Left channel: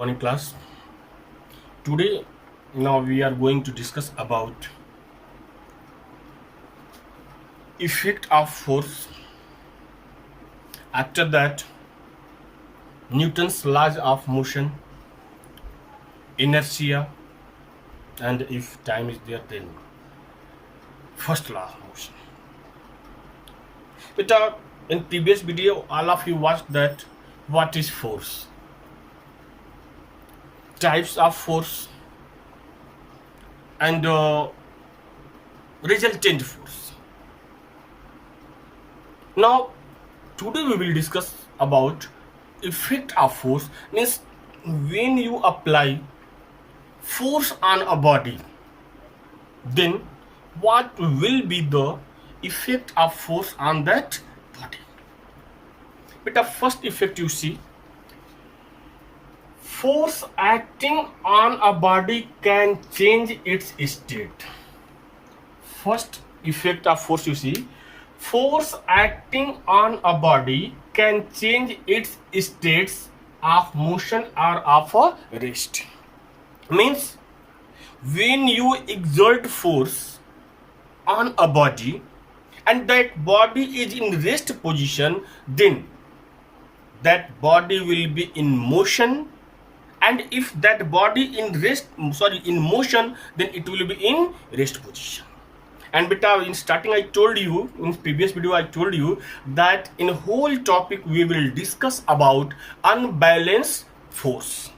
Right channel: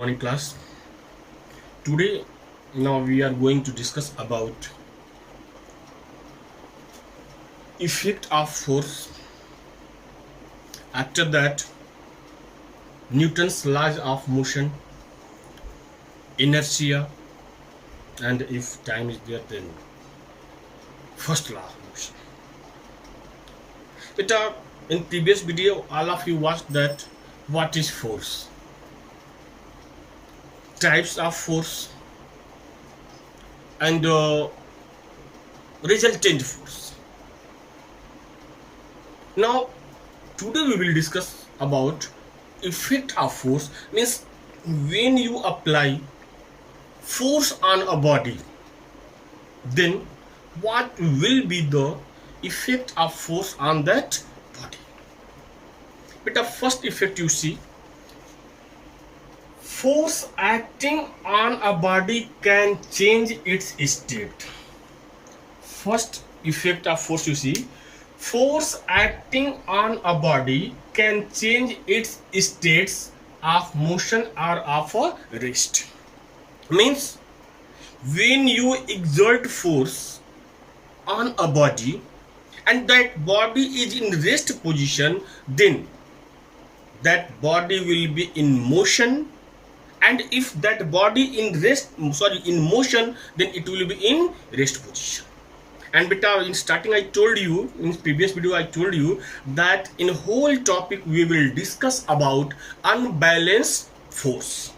Morning class. Today now we are going to discuss about effect of force. After that, Newton's laws of motion, inertia, and if time is there, then first law of motion. But in previous video, all of you watched that what is force, types of force, and resultant force. Now today we will discuss about effect of force, means when you apply force on a body, then what will be the effect of force on that body. But the first effect, you see, force acting on a body can change its state. First effect of force, you see, force acting on a body can change its states of motion or of a rest. Means when you exert force on a body and that body is in rest position, then that body will be in motion, and if that body in motion, then it will be in rest position. And beta, in starting I told you, in previous video I told you that in whole topic we will discuss about unbalanced force,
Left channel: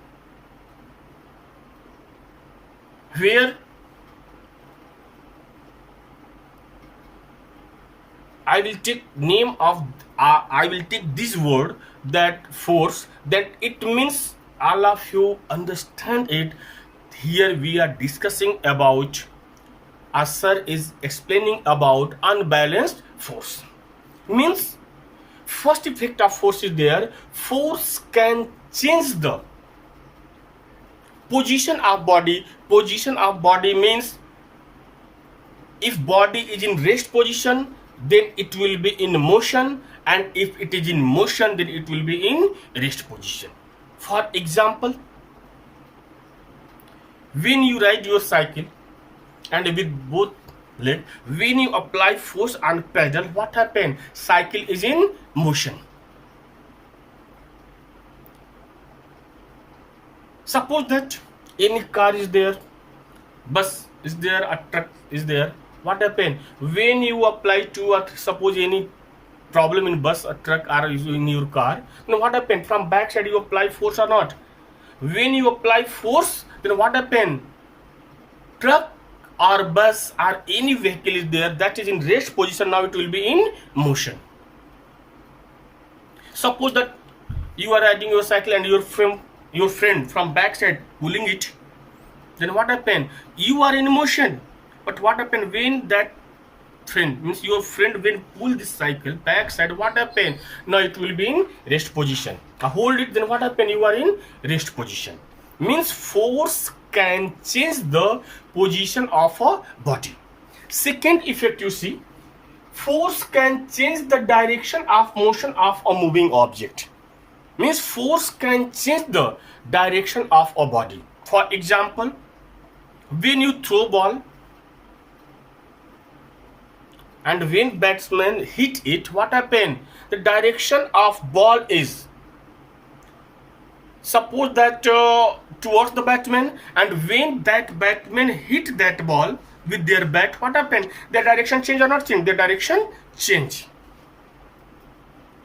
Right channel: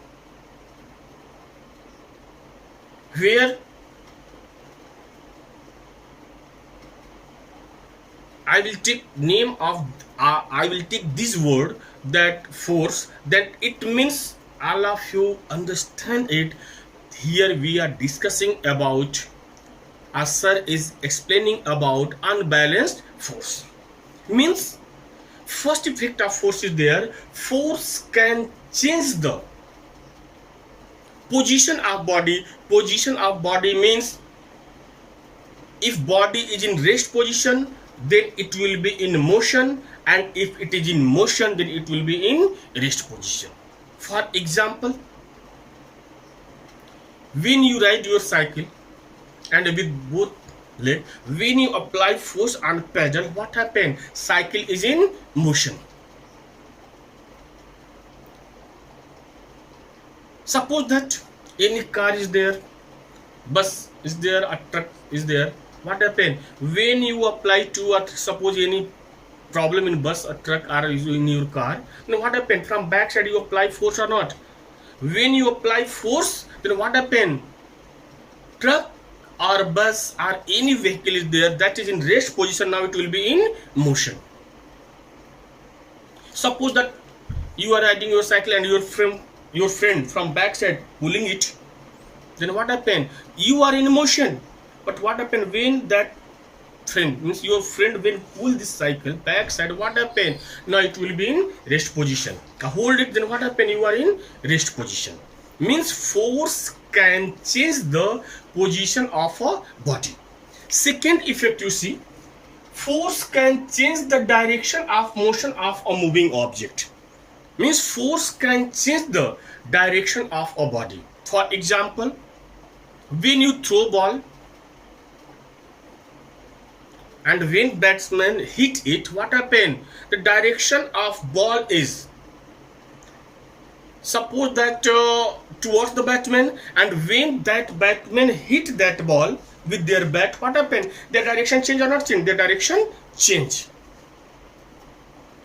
where I will take I will take this word, that force, that it means all of you understand it. Here we are discussing about, as sir is explaining about unbalanced force. Means first effect of force is there, force can change the position of body. Position of body means if body is in rest position, then it will be in motion, and if it is in motion, then it will be in rest position. For example, when you ride your cycle and with both leg, when you apply force on pedal, what happens? Cycle is in motion. Suppose that any car is there, bus is there, a truck is there. What happens when you apply to suppose any problem in bus, a truck, or in your car? Then what happens? From back side you apply force or not? When you apply force, then what happens? Truck or bus or any vehicle is there that is in rest position, now it will be in motion. Suppose that you are riding your cycle and your friend from back side pulling it, then what happen? You are in motion. But what happen when that friend, means your friend, when pull this cycle back side, what happen? Now it will be in rest position. Hold it, then what happen? You are in rest position. Means force can change the position of a body. Second effect, you see, force can change the direction of motion of a moving object. Means force can change the direction of a body. For example, when you throw ball and when batsman hit it, what happen? The direction of ball is, suppose that towards the batsman, and when that batsman hit that ball with their bat, what happen? Their direction change or not change? Their direction change.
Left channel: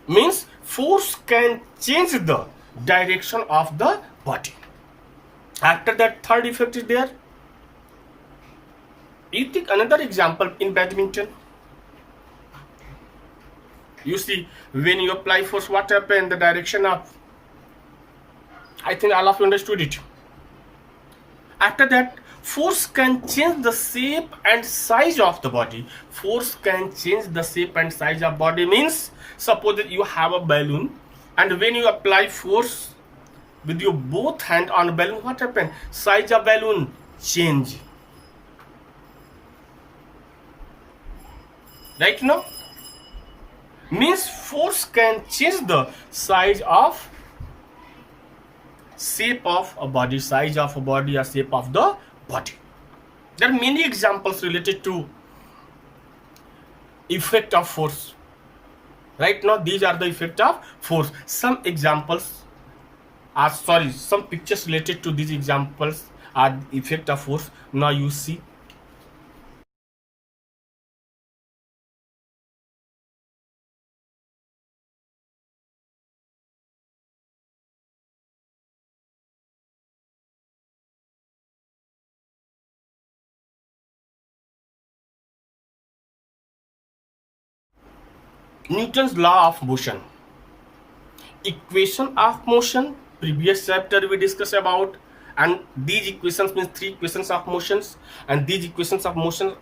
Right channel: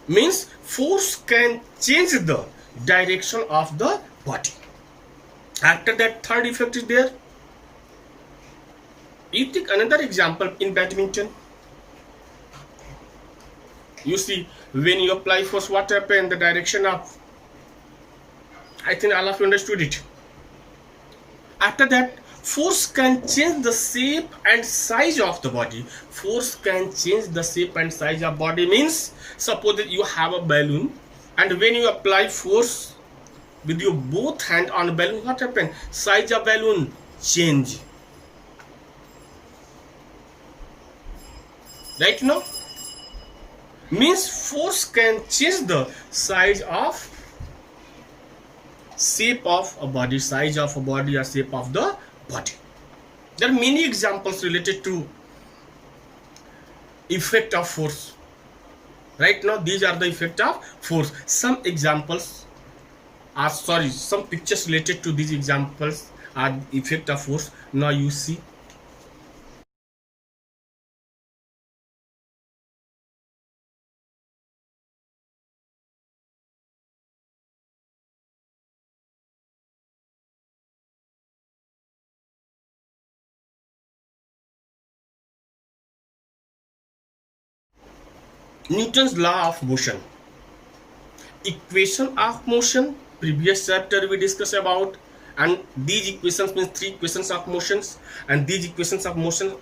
Means force can change the direction of the body. After that, third effect is there. You take another example in badminton. You see, when you apply force, what happen? The direction of, I think all of you understood it. After that, force can change the shape and size of the body. Force can change the shape and size of body means, suppose that you have a balloon, and when you apply force with your both hand on a balloon, what happen? Size of balloon change. Right now? Means force can change the size of shape of a body, size of a body, or shape of the body. There are many examples related to effect of force. Right now, these are the effect of force. Some examples are, sorry, some pictures related to these examples are effect of force. Now you see. Newton's law of motion. Equation of motion, previous chapter we discussed about, and these equations means three equations of motions, and these equations of motion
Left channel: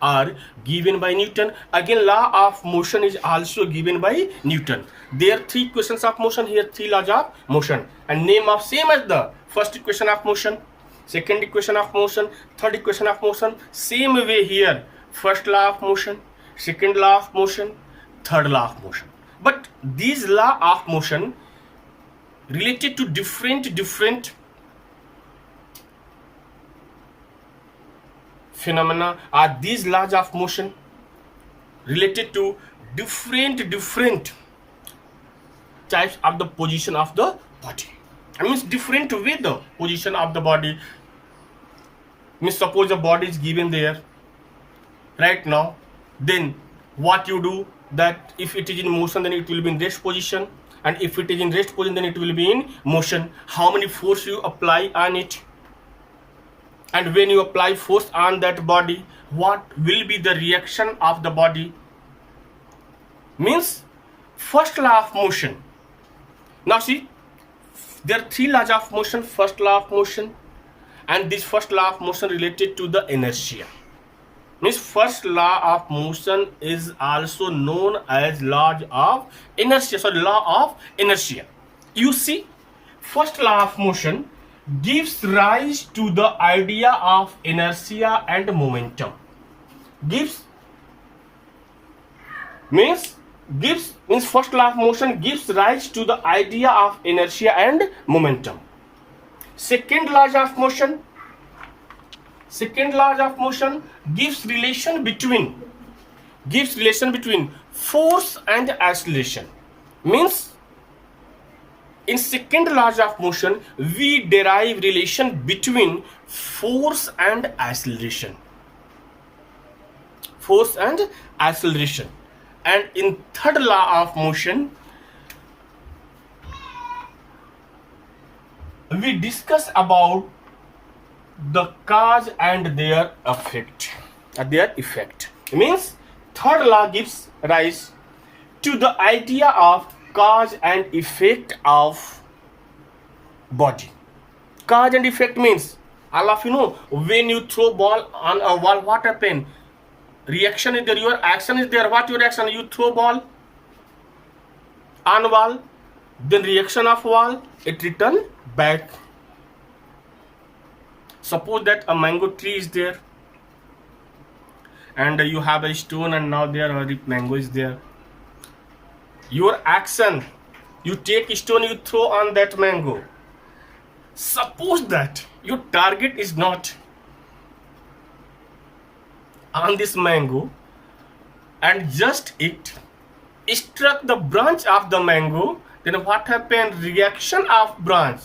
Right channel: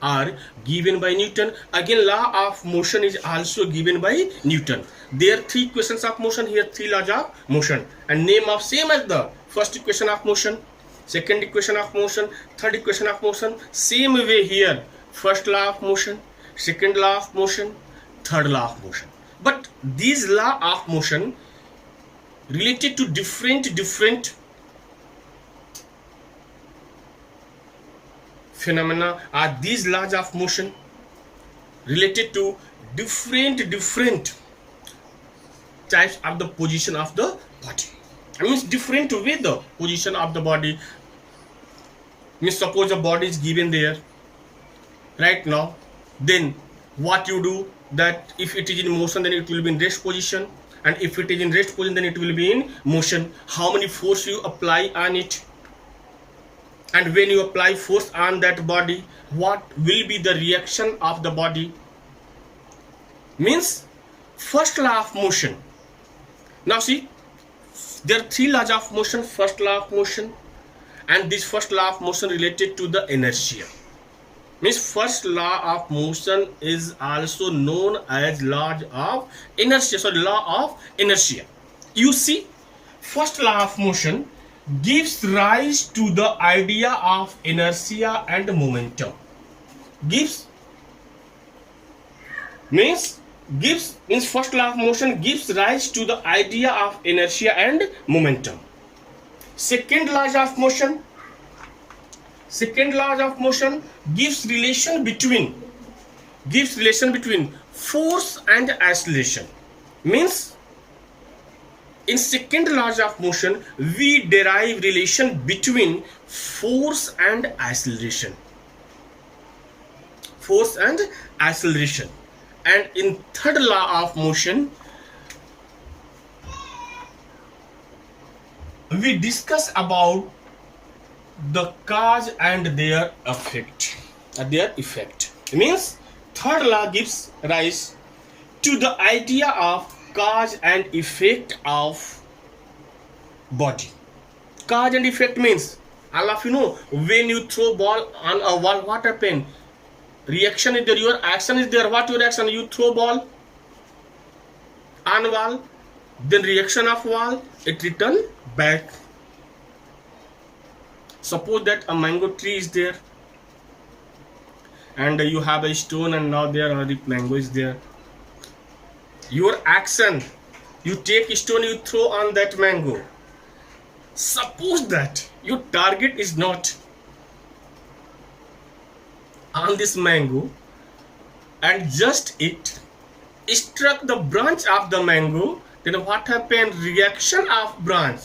are given by Newton. Again, law of motion is also given by Newton. There are three equations of motion, here three laws of motion, and name of same as the first equation of motion, second equation of motion, third equation of motion. Same way here, first law of motion, second law of motion, third law of motion. But these law of motion related to different phenomena, are these laws of motion related to different types of the position of the body. I mean, different way the position of the body. Means suppose the body is given there right now, then what you do, that if it is in motion, then it will be in rest position, and if it is in rest position, then it will be in motion. How many force you apply on it, and when you apply force on that body, what will be the reaction of the body? Means first law of motion. Now see, there are three laws of motion. First law of motion, and this first law of motion related to the inertia. Means first law of motion is also known as law of inertia. Sorry, law of inertia. You see, first law of motion gives rise to the idea of inertia and momentum. Gives means first law of motion gives rise to the idea of inertia and momentum. Second law of motion gives relation between force and acceleration. Means in second law of motion, we derive relation between force and acceleration. And in third law of motion, we discuss about the cause and their effect. Means third law gives rise to the idea of cause and effect of body. Cause and effect means, all of you know, when you throw ball on a wall, what happen? Reaction is there, your action is there. What your action? You throw ball on wall, then reaction of wall, it return back. Suppose that a mango tree is there, and you have a stone, and now there a mango is there. Your action, you take a stone, you throw on that mango. Suppose that your target is not on this mango, and just it struck the branch of the mango, then what happened? Reaction of branch,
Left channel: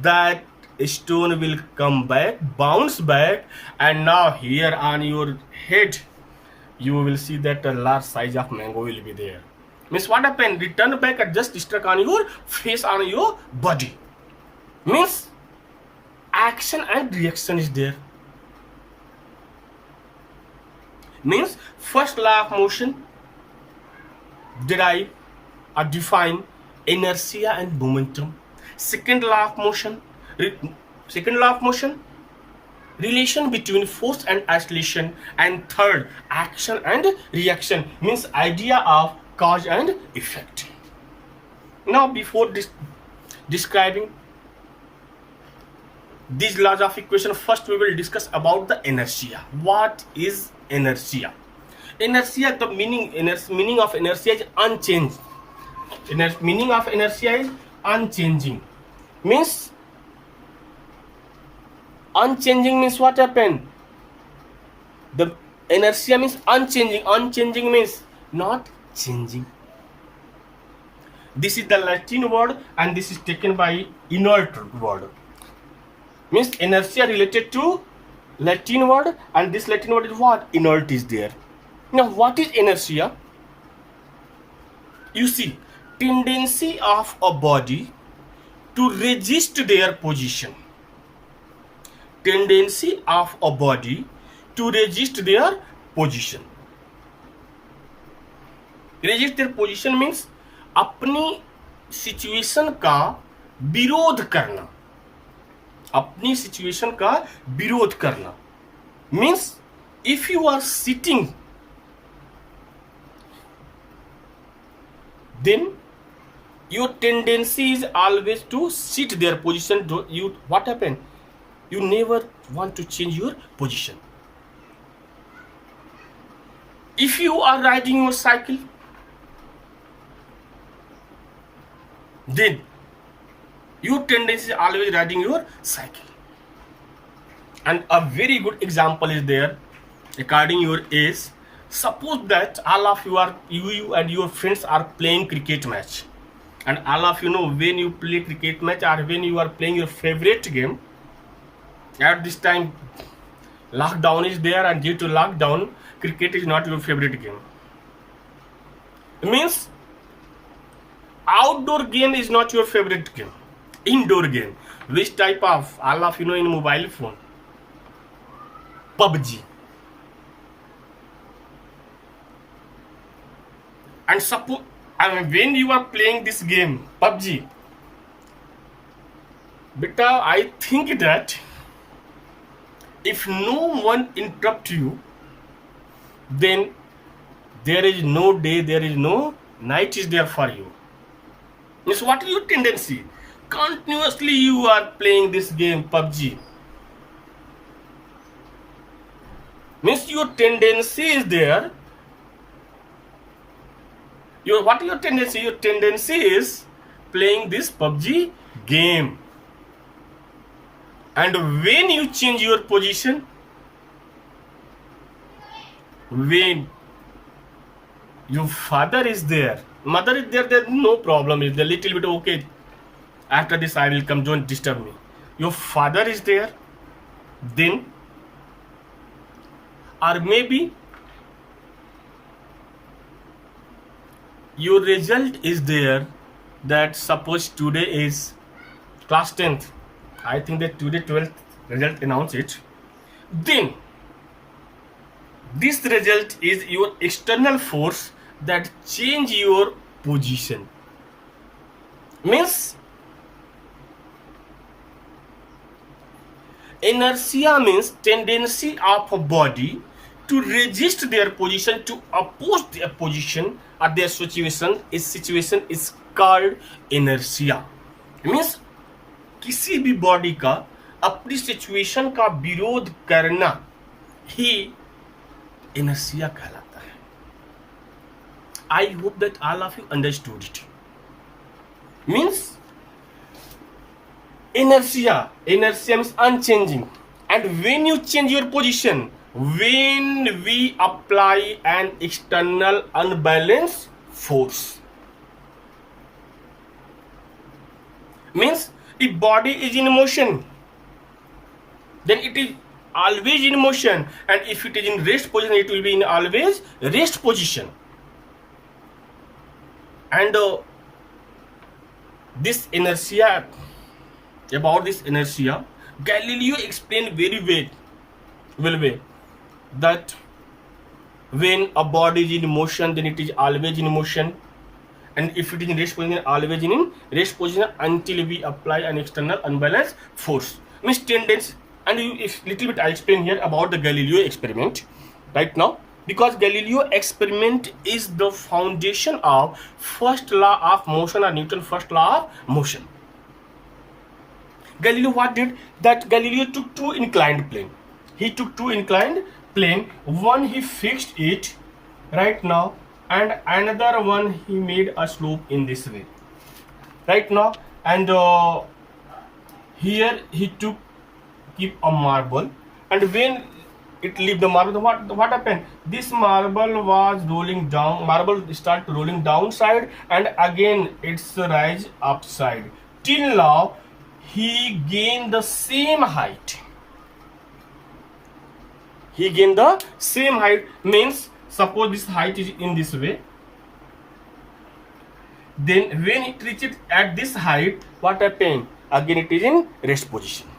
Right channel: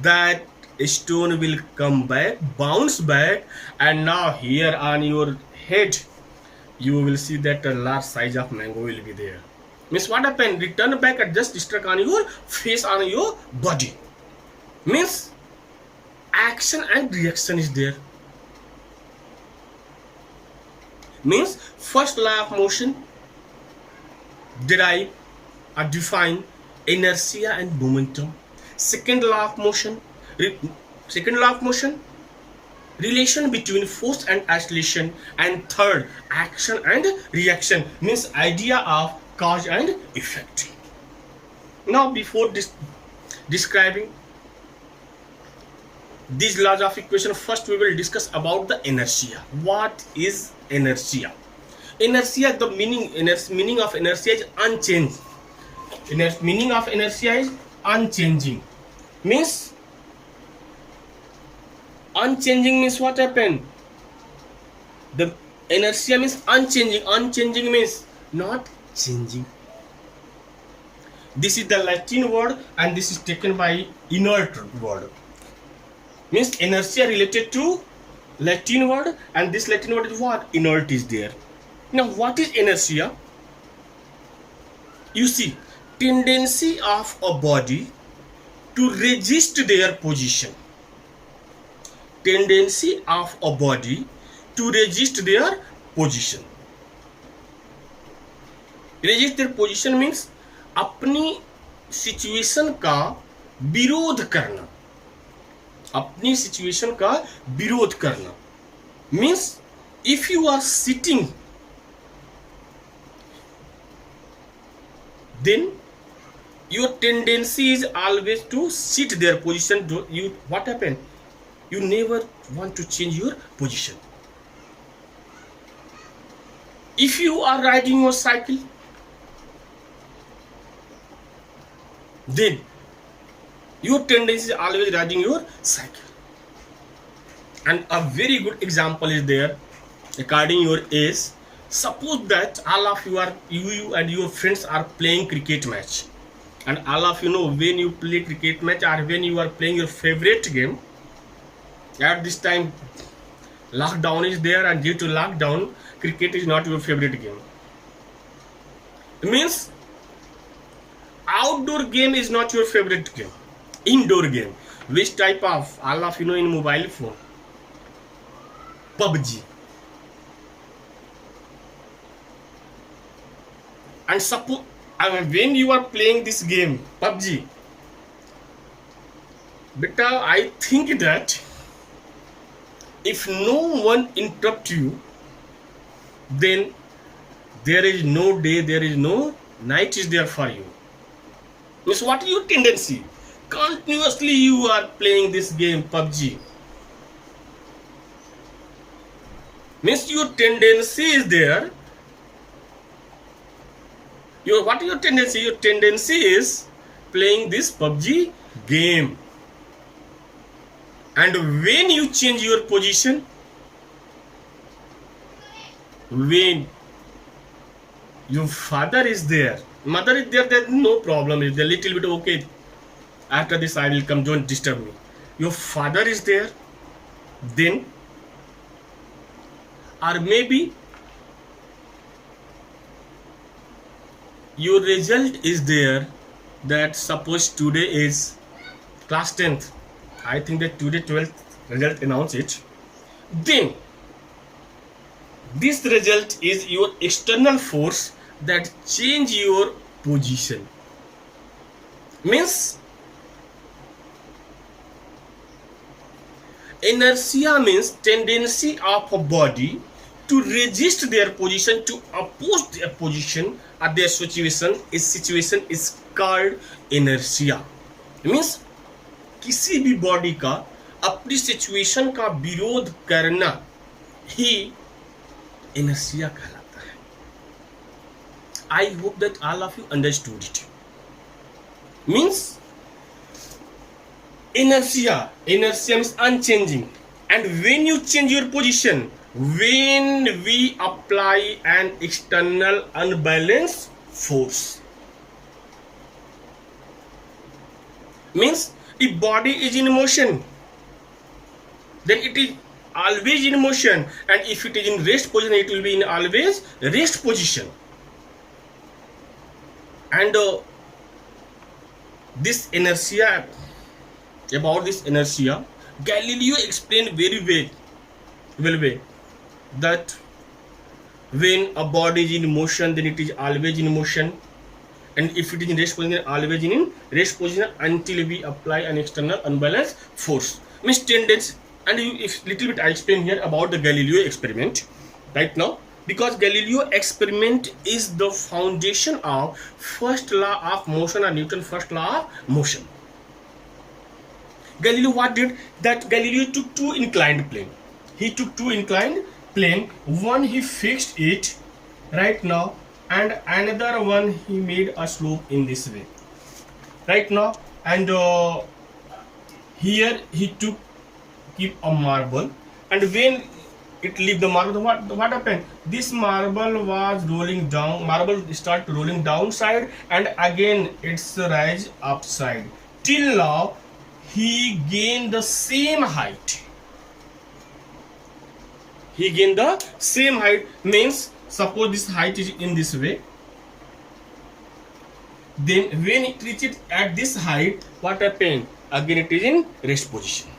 that stone will come back, bounce back, and now here on your head you will see that a large size of mango will be there. Means what happened? Return back and just struck on your face, on your body. Means action and reaction is there. Means first law of motion derive or define inertia and momentum. Second law of motion relation between force and acceleration, and third, action and reaction, means idea of cause and effect. Now before describing these laws of equation, first we will discuss about the inertia. What is inertia? Inertia, the meaning of inertia is unchanged. Meaning of inertia is unchanging. Means unchanging means what happened? The inertia means unchanging. Unchanging means not changing. This is the Latin word and this is taken by inert word. Means inertia related to Latin word, and this Latin word is what? Inert is there. Now what is inertia? You see, tendency of a body to resist their position. Tendency of a body to resist their position. Resist their position means अपनी situation का विरोध करना. अपनी situation का विरोध करना means if you are sitting, then your tendency is always to sit their position. You what happened? You never want to change your position. If you are riding your cycle, then your tendency is always riding your cycle. And a very good example is there according your age. Suppose that all of you are you and your friends are playing cricket match, and all of you know when you play cricket match or when you are playing your favorite game, at this time lockdown is there, and due to lockdown cricket is not your favorite game. It means outdoor game is not your favorite game. Indoor game, which type of? All of you know in mobile phone, PUBG. And suppose when you are playing this game PUBG, beta, I think that if no one interrupt you, then there is no day, there is no night is there for you. Means what is your tendency? Continuously you are playing this game PUBG. Means your tendency is there. What is your tendency? Your tendency is playing this PUBG game. And when you change your position, when your father is there, mother is there, there's no problem. It's a little bit okay. After this I will come, don't disturb me. Your father is there, then, or maybe your result is there, that suppose today is class 10th, I think that today 12th result announce it, then this result is your external force that change your position. Means inertia means tendency of a body to resist their position, to oppose their position or their situation is called inertia. Means किसी भी body का अपनी situation का विरोध करना ही inertia कहलाता है. I hope that all of you understood it. Means inertia means unchanging, and when you change your position, when we apply an external unbalanced force, means if body is in motion, then it is always in motion, and if it is in rest position, it will be in always rest position. And this inertia, about this inertia, Galileo explained very well that when a body is in motion, then it is always in motion, and if it is in rest position, always in rest position until we apply an external unbalanced force. Means tendency. And if little bit I explain here about the Galileo experiment right now, because Galileo experiment is the foundation of first law of motion, or Newton's first law of motion. Galileo what did? That Galileo took two inclined plane. He took two inclined plane. One he fixed it right now, and another one he made a slope in this way right now. And Here he took keep a marble, and when it leave the marble, what happened? This marble was rolling down. Marble start rolling downside, and again it's rise upside. Till now, he gained the same height. He gained the same height. Means suppose this height is in this way. Then when it reaches at this height, what happened? Again it is in rest position.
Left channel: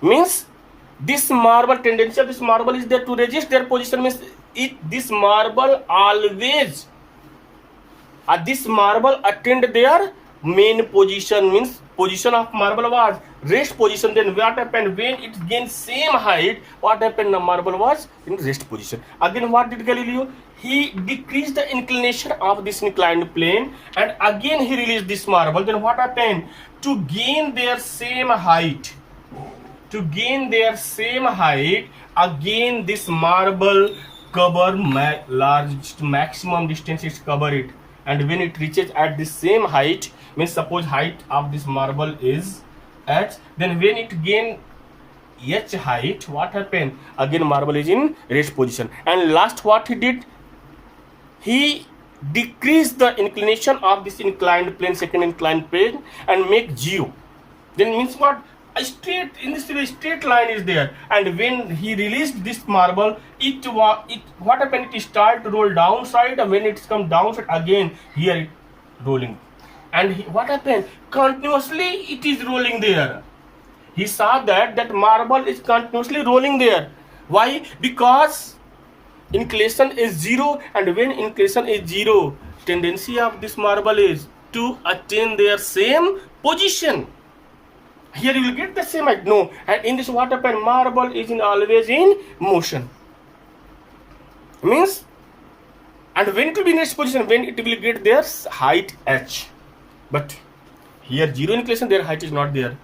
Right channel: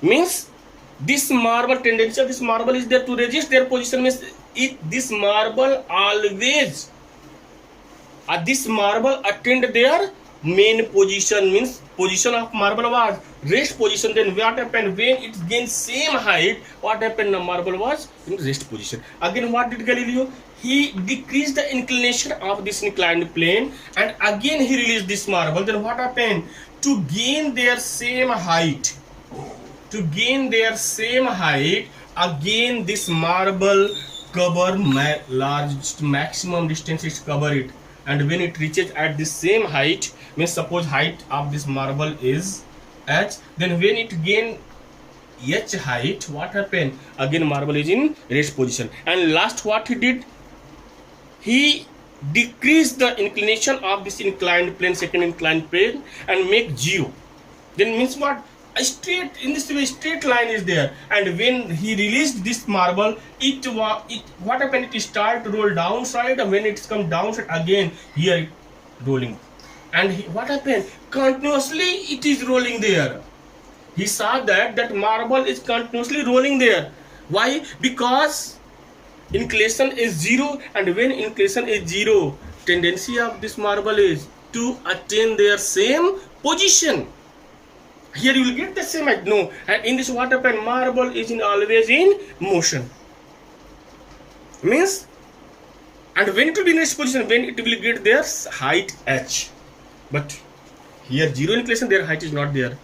Means this marble tendency of this marble is there to resist their position. Means this marble always this marble attend their main position. Means position of marble was rest position. Then what happened? When it gained same height, what happened? The marble was in rest position. Again what did Galileo? He decreased the inclination of this inclined plane, and again he released this marble. Then what happened? To gain their same height, again this marble cover large maximum distance is cover it, and when it reaches at the same height, means suppose height of this marble is h, then when it gain h height, what happened? Again marble is in rest position. And last what he did? He decreased the inclination of this inclined plane, second inclined plane, and make 0. Then means what? A straight, in this way straight line is there, and when he released this marble, what happened? It start to roll downside, and when it's come downside again, here it rolling, and what happened? Continuously it is rolling there. He saw that marble is continuously rolling there. Why? Because inclination is 0, and when inclination is 0, tendency of this marble is to attain their same position. Here you will get the same height. No, and in this what happened? Marble is always in motion. Means, and when it will be in this position, when it will get their height h, but here 0 inclination, their height is not there.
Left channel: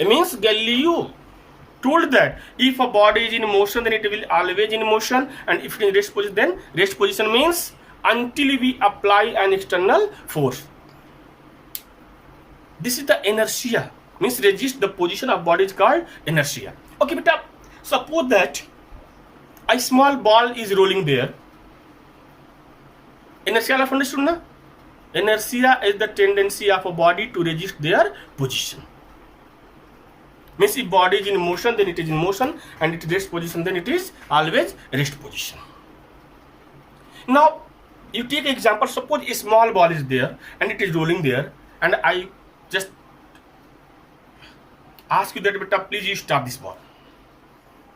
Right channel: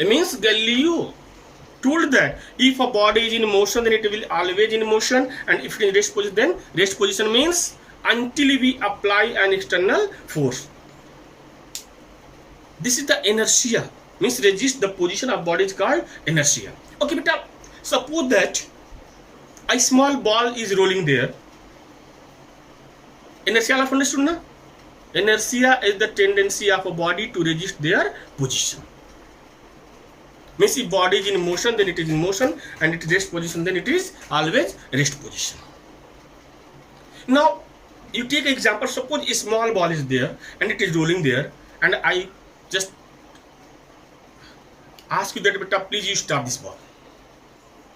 It means Galileo told that if a body is in motion, then it will always in motion, and if it is in rest position, then rest position means until we apply an external force. This is the inertia, means resist the position of body is called inertia. Okay, but suppose that a small ball is rolling there. Inertia of understood na? Inertia is the tendency of a body to resist their position. Means if body is in motion, then it is in motion, and it is rest position, then it is always rest position. Now you take example, suppose a small ball is there and it is rolling there, and I just ask you that, but please you stop this ball.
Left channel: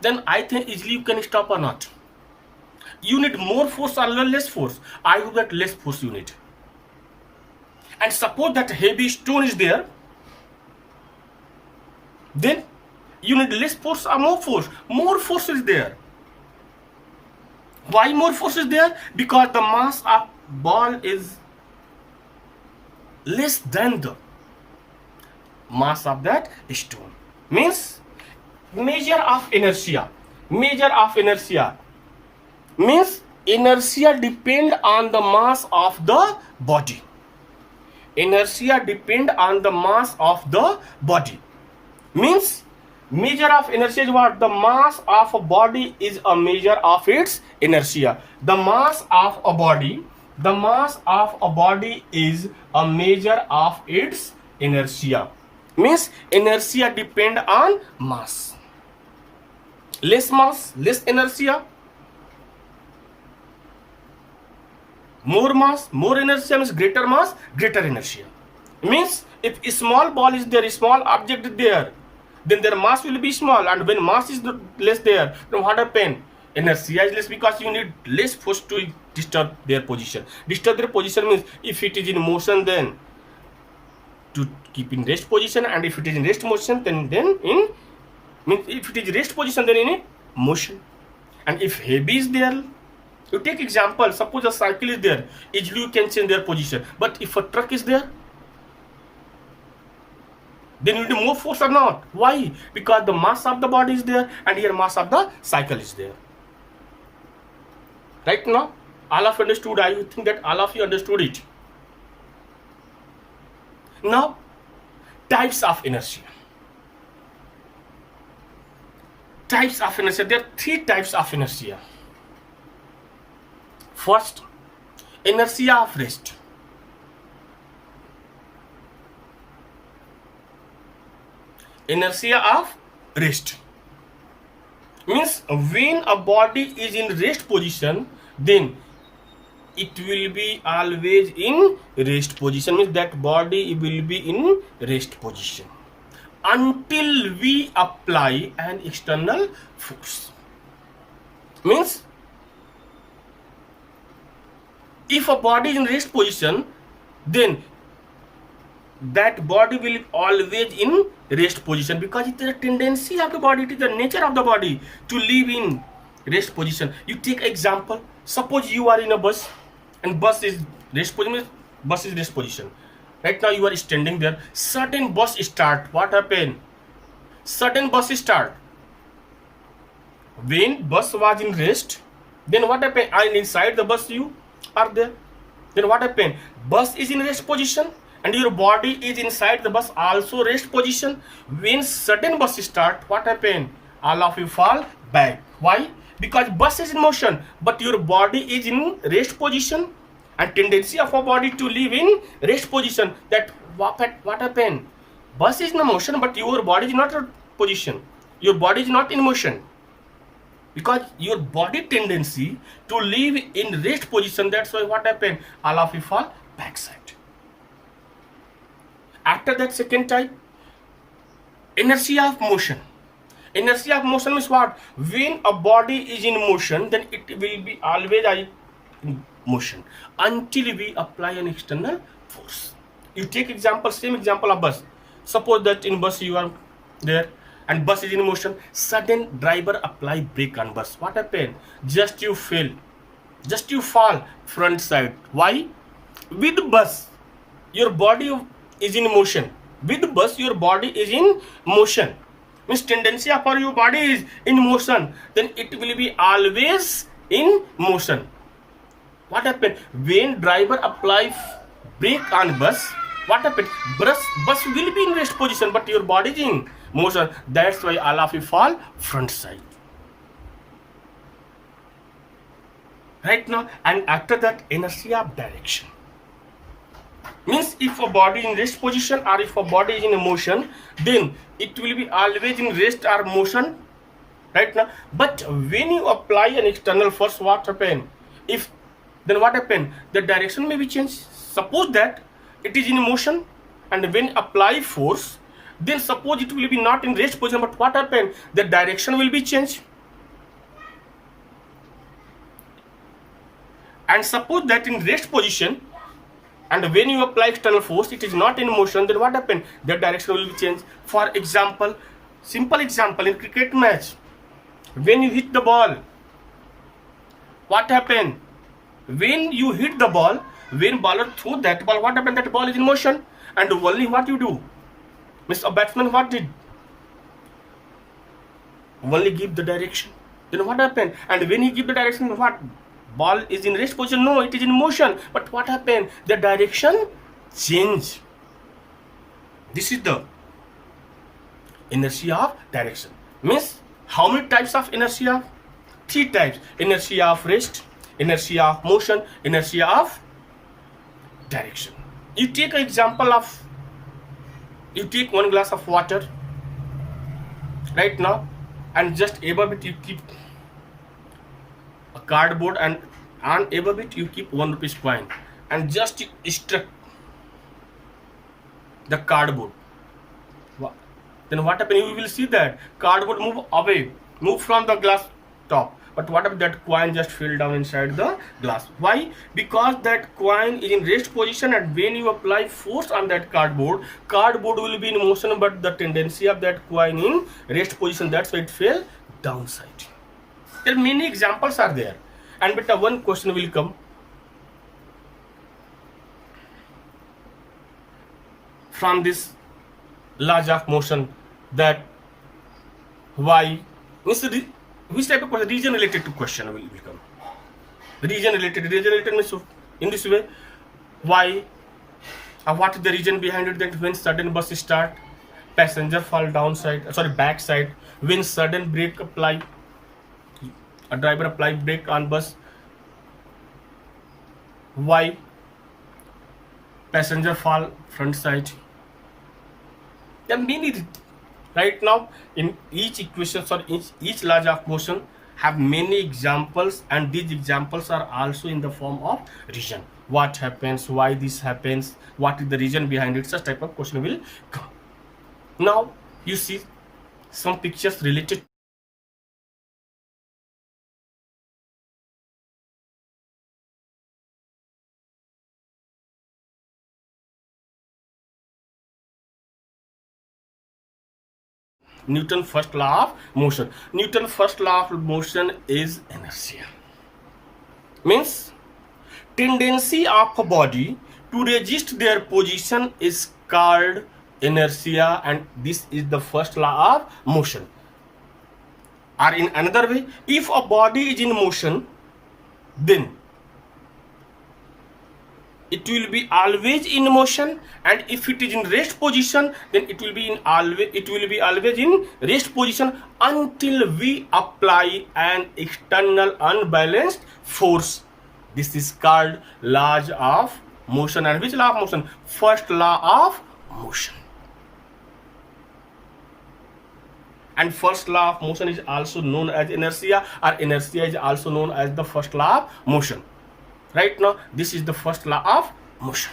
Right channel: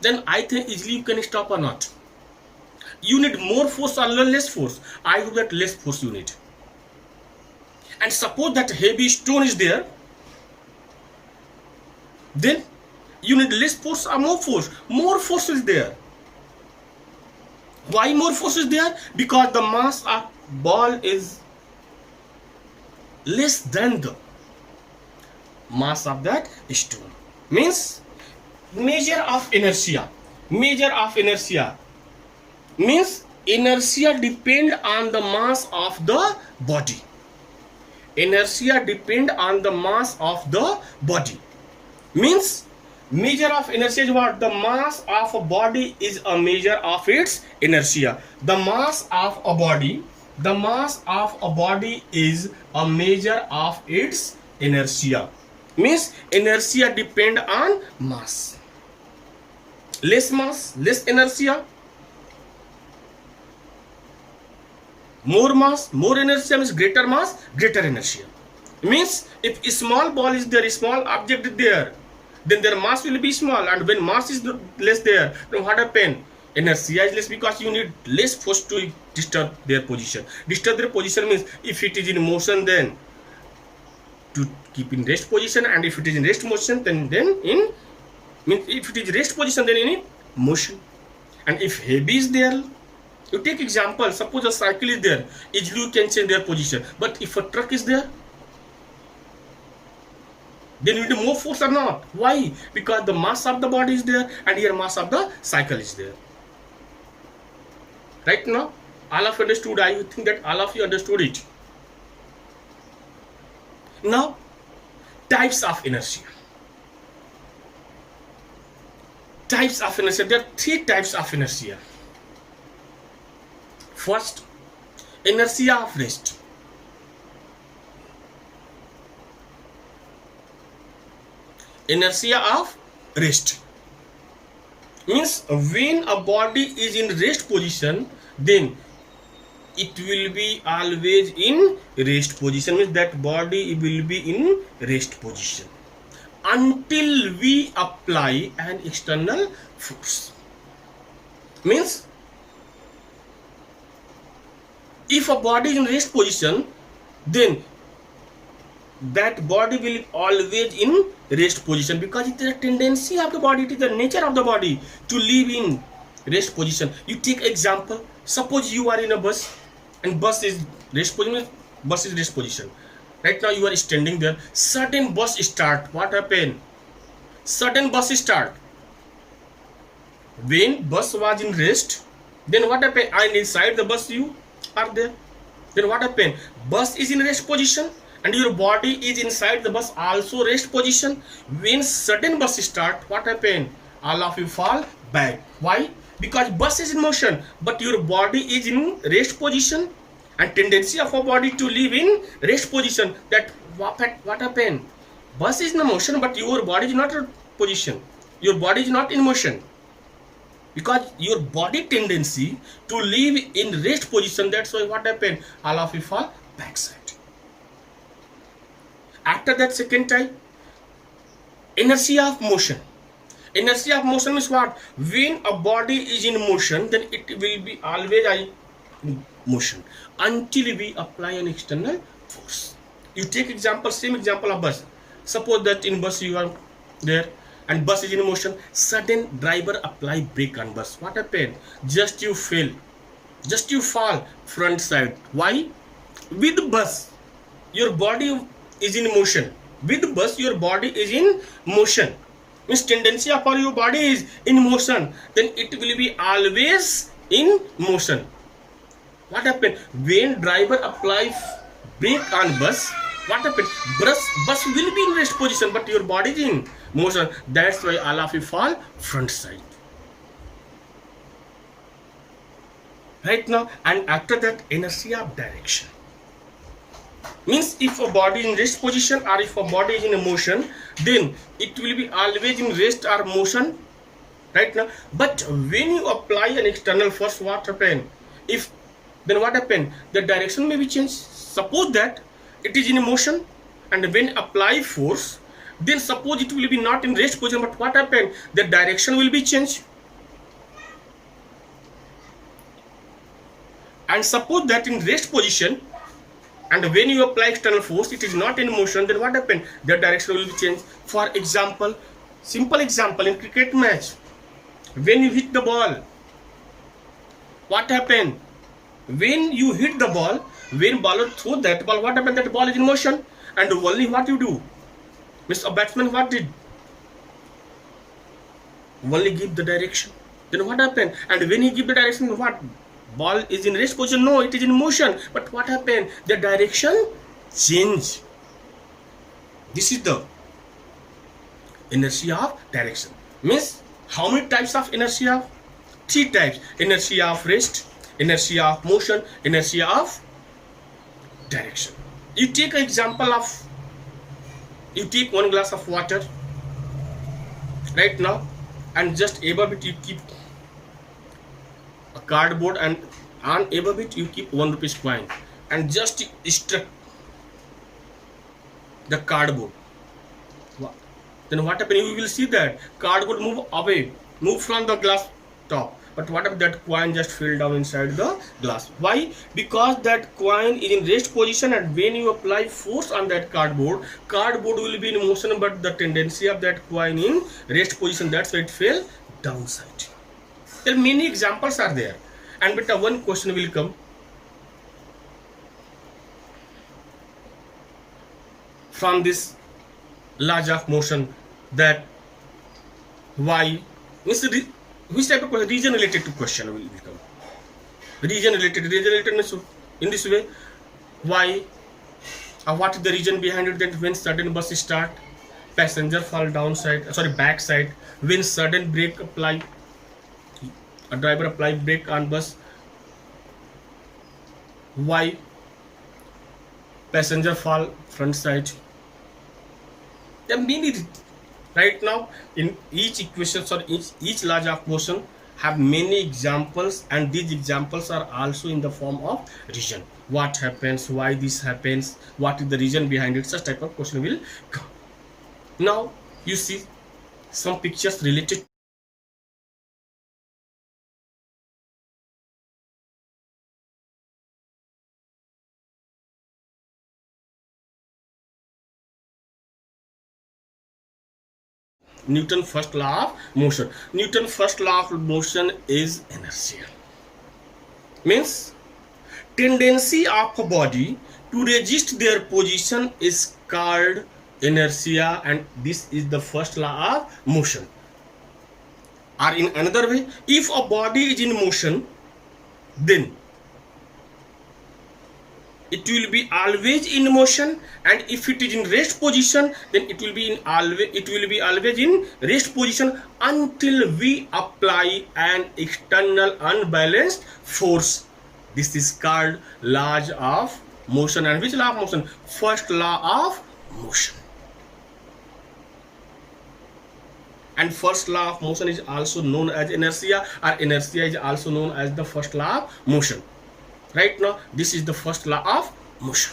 Then I think easily you can stop or not. You need more force or less force? I hope that less force you need. And suppose that heavy stone is there, then you need less force or more force? More force is there. Why more force is there? Because the mass of ball is less than the mass of that stone. Means measure of inertia. Measure of inertia means inertia depend on the mass of the body. Inertia depend on the mass of the body. Means measure of inertia is what? The mass of a body is a measure of its inertia. The mass of a body is a measure of its inertia. Means inertia depend on mass. Less mass, less inertia. More mass, more inertia means greater mass, greater inertia. Means if a small ball is there, a small object is there, then their mass will be small, and when mass is less there, then what happens? Inertia is less because you need less force to disturb their position. Disturb their position means if it is in motion, then to keep in rest position, and if it is in rest motion, then in means if it is rest position, then in motion. And if heavy is there, you take example, suppose a cycle is there, easily you can change their position. But if a truck is there, then you need more force or not? Why? Because the mass of the body is there, and here mass of the cycle is there. Right now, all of you understood. I think that all of you understood it. Now, types of inertia. Types of inertia. There are three types of inertia. First, inertia of rest. Inertia of rest means when a body is in rest position, then it will be always in rest position. Means that body will be in rest position until we apply an external force. Means if a body is in rest position, then that body will always in rest position, because it is a tendency of the body, it is the nature of the body to live in rest position. You take example, suppose you are in a bus and bus is rest position, bus is rest position. Right now you are standing there, sudden bus start, what happen? Sudden bus start. When bus was in rest, then what happened? And inside the bus you are there. Then what happened? Bus is in rest position and your body is inside the bus also rest position. When sudden bus start, what happened? All of you fall back. Why? Because bus is in motion, but your body is in rest position, and tendency of a body to live in rest position. That what happened? Bus is in motion, but your body is not in position. Your body is not in motion, because your body tendency to live in rest position. That's why what happened? All of you fall backside. After that, second type, inertia of motion. Inertia of motion means what? When a body is in motion, then it will be always in motion until we apply an external force. You take example, same example of bus. Suppose that in bus you are there and bus is in motion, sudden driver apply brake on bus. What happened? Just you fail, just you fall front side. Why? With bus your body is in motion. With bus your body is in motion. Means tendency of your body is in motion, then it will be always in motion. What happened? When driver apply brake on bus, what happened? Bus will be in rest position, but your body is in motion. That's why all of you fall front side. Right now, and after that, inertia of direction. Means if a body in rest position or if a body is in a motion, then it will be always in rest or motion. Right now, but when you apply an external force, what happen? Then what happen? The direction may be changed. Suppose that it is in motion, and when apply force, then suppose it will be not in rest position, but what happen? The direction will be changed. And suppose that in rest position, and when you apply external force, it is not in motion, then what happen? The direction will be changed. For example, simple example, in cricket match, when you hit the ball, what happen? When you hit the ball, when bowler throw that ball, what happened? That ball is in motion, and only what you do? Means a batsman what did? Only give the direction. Then what happened? And when he give the direction, what? Ball is in rest position? No, it is in motion. But what happened? The direction change. This is the inertia of direction. Means how many types of inertia? Three types. Inertia of rest, inertia of motion, inertia of direction. You take an example of, you take one glass of water right now, and just above it you keep a cardboard, and on above it you keep 1 rupees coin, and just struck the cardboard. Then what happens? You will see that cardboard move away, move from the glass top. But what if that coin just fell down inside the glass? Why? Because that coin is in rest position, and when you apply force on that cardboard will be in motion, but the tendency of that coin in rest position, that's why it fell downside. There are many examples are there, and but one question will come from this laws of motion, that why, which type of question? Region related to question will come. Region related means in this way, why, what is the reason behind it, that when sudden bus start, passenger fall downside, sorry, backside. When sudden brake apply, a driver apply brake on bus. Why passenger fall front side? There are many. Right now, in each equation or each law of motion have many examples, and these examples are also in the form of reason. What happens? Why this happens? What is the reason behind it? Such type of question will come. Now you see some pictures related. Newton first law of motion. Newton first law of motion is inertia. Means tendency of a body to resist their position is called inertia, and this is the first law of motion. Or in another way, if a body is in motion, then it will be always in motion, and if it is in rest position, then it will be always in rest position until we apply an external unbalanced force. This is called laws of motion. And which law of motion? First law of motion. And first law of motion is also known as inertia, or inertia is also known as the first law of motion. Right now, this is the first law of motion.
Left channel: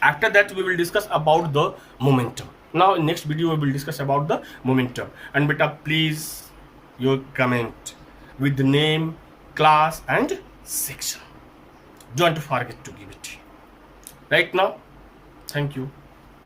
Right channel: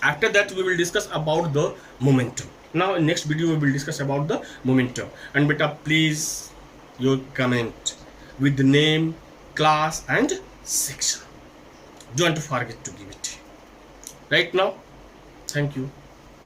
After that, we will discuss about the momentum. Now, in next video, we will discuss about the momentum. And beta, please your comment with the name, class, and section. Don't forget to give it. Right now, thank you.